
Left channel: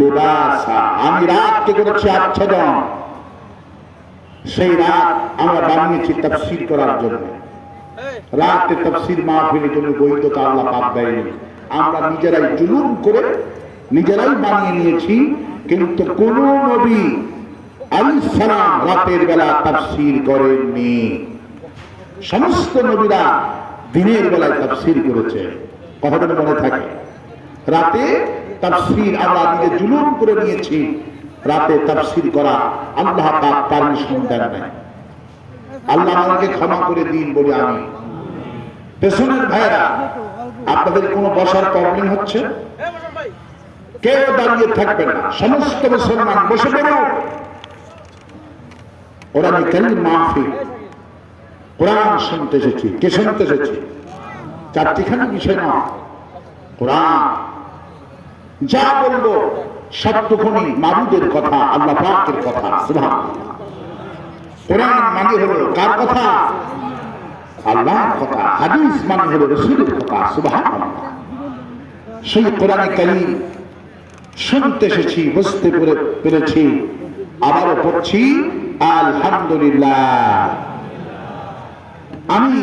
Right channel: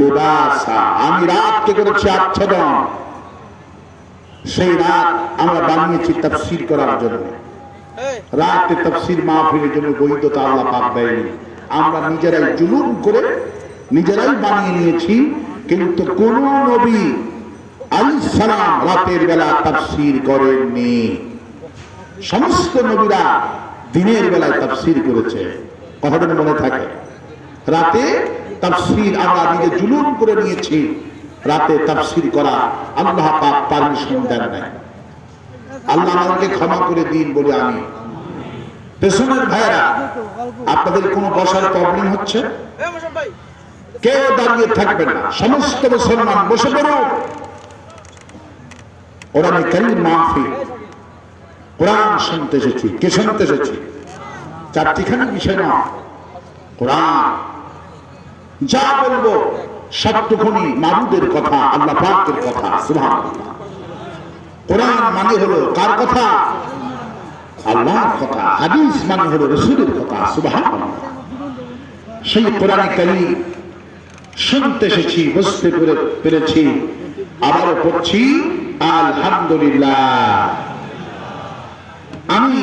লিবাসা। আমি রাতকে করেছি আচ্ছাদন। সেই রাত আমরা বানিয়েছি তাফসীর করার জন্য। রাতে তাফসীর মাহফিলের জন্য বৈধতা আল্লাহ পাক দেয়নি। আমরা নিজেরাই জুলুম করে নিজেরাই বানিয়ে নিয়েছি। কিন্তু কোন নবী আলাইহিস সালাম রাতের বেলা তাফসীর করেননি। সমস্ত নবীরা দিনের বেলায় তাফসীর করেছে। কথাটা মনে থাকে? রাতে তাফসীর আমরা নিজে জুলুম করে নিয়েছি। রাতে তাফসীর করা আল্লাহ পাক পারমিশন দেন না। আল্লাহ আমাকে ক্ষমা করে দিন বলে আমি। পেছনের ভাইরা, আপনাদের কোনো বসার প্রবলেম হচ্ছে? কেউ দাঁড়িয়ে থাকবে না, সমস্ত মুসলমান বসে পড়ো। কোরআন কারীম মাহফিল, কোরআন শুনতে এসেছি। কে শুনতে এসেছি? চারটিখানি বিষয় না, কোরআন। যা বলবো সবটুকুনি মাবুদের কথা, আল্লাহ পাকের কথা। সুবহানাল্লাহ। কোরআন মানে হলো কার কথা? আল্লাহর কথা। হাদিস মানে হলো রাসূলের কথা। সুবহানাল্লাহ। সেই কোরআন কারীম শুনতে এসেছি, বুঝতে পেরেছি, আবারও পড়ছি আলহামদুলিল্লাহ। আমি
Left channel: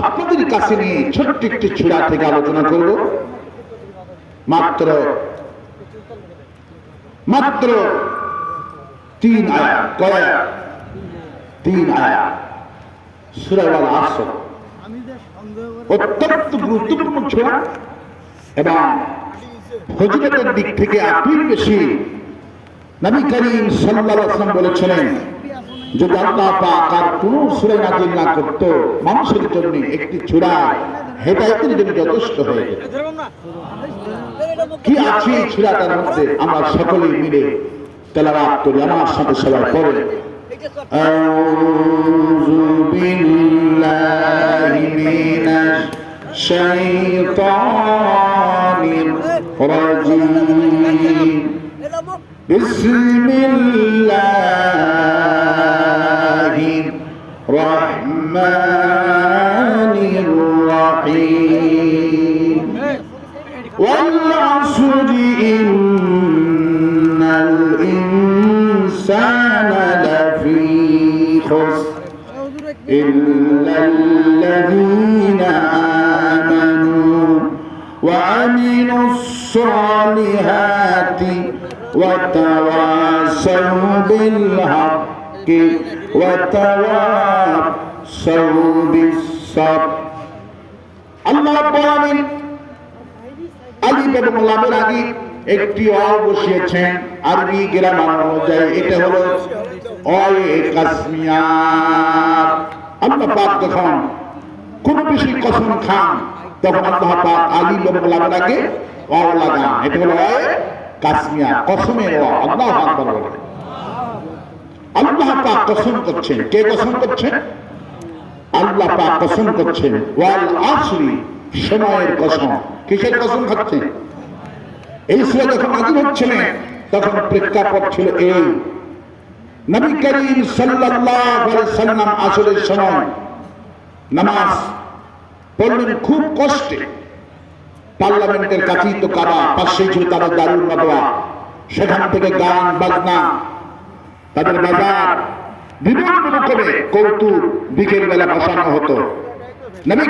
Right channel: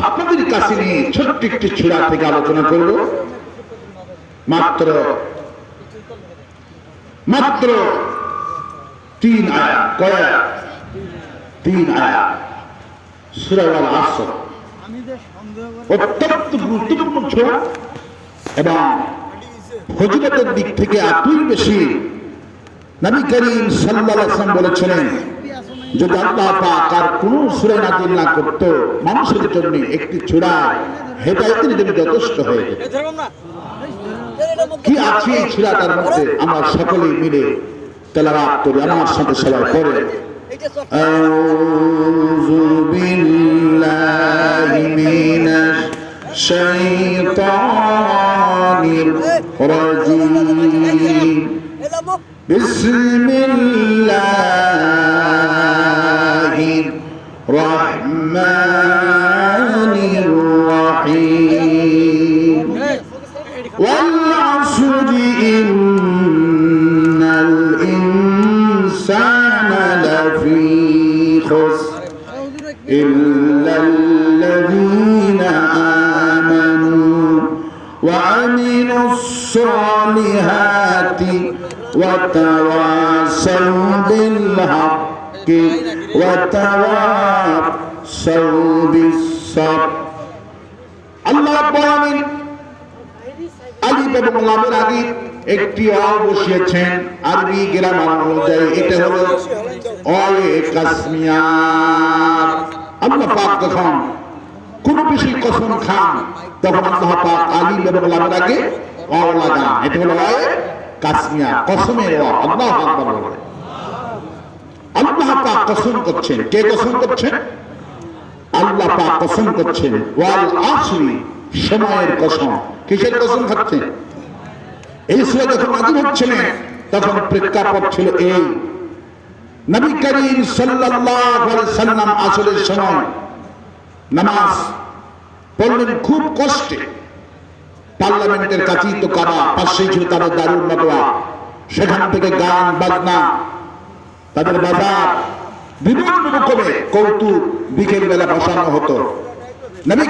আপনাদের কাছে নিয়ে ছোট্ট একটি ছুরা থেকে আলোচনা করব। মাত্র 3 আয়াত। কয়? 3 আয়াত। সূরা আল আসর অত্যন্ত গুরুত্বপূর্ণ ছুরা এবং ফজিলতের দিক থেকে এতই বেশি। নবী করিম সাল্লাল্লাহু আলাইহি ওয়াসাল্লাম বলেছিলেন যদি আল্লাহ পাক আর কোন সূরা নাযিল না করত, মানুষের জন্য একটি সূরা হেদায়েতের জন্য যথেষ্ট হয়ে যেত। কি আছে এই সূরাটার মধ্যে আমরা সকলেই মিলে তেলাওয়াত করি, আমার সাথে সবাই পড়ে। আউযু বিল্লাহি মিনাশ শাইতানির রাজিম। বিসমিল্লাহির রহমানির রহিম। ওয়াল আসরি ইন্নাল ইনসানা লাফি খুসর ইল্লাল্লাযীনা আমানু ওয়া আমিলুস সালিহাতি ওয়া তাওয়াসাউ বিল হাক্কি ওয়া তাওয়াসাউ বিস সাবর। আল্লাহ রাব্বুল আলামিন আলিফ এবং লামের আগে একটি অ বসিয়েছেন আরবি গ্রামার অনুযায়ী। এটা হলো অয়ে কাসমিয়া। আল্লাহ পাক যখন কোন বেশি কসম খান তখন আল্লাহ পাক আলিফ এবং লামের আগে অ লাগান। এটা হলো অয়ে কাসমিয়া, কসমের অ। আল্লাহু আকবার বলে। আল্লাহ পাক কসম করছেন। কে কসম করছেন? আল্লাহ পাক কসম করছেন। ওয়াল আসরি, সময়ের কসম। কিসের কসম খাচ্ছেন? এই সূরা যখন নাযিল হচ্ছিল তখন প্রেক্ষাপট ছিল এই, নবী করিম সাল্লাল্লাহু আলাইহি ওয়াসাল্লাম আসরের সময় নামাজ পড়লেন খুব কষ্টে। পার্লামেন্টের কাছেই তো কাবা, পাশেই ছিল তারা দারুল মাদওয়া। সেখান থেকে গান বাজনা, তাদের বাজার, বিভিন্ন রকমের কৌতুক বিকেল বেলা বসানো হতো। নবী